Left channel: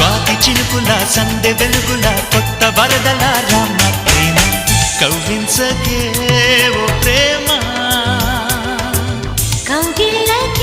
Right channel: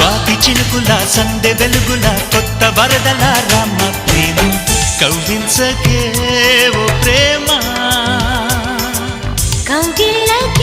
స్వాతి చినుకుల సందె వెలుగుల కొత్త వరదల రామ ప్రేమ కవ్వించకే ఓ ప్రేమ కౌగిళ్ళకి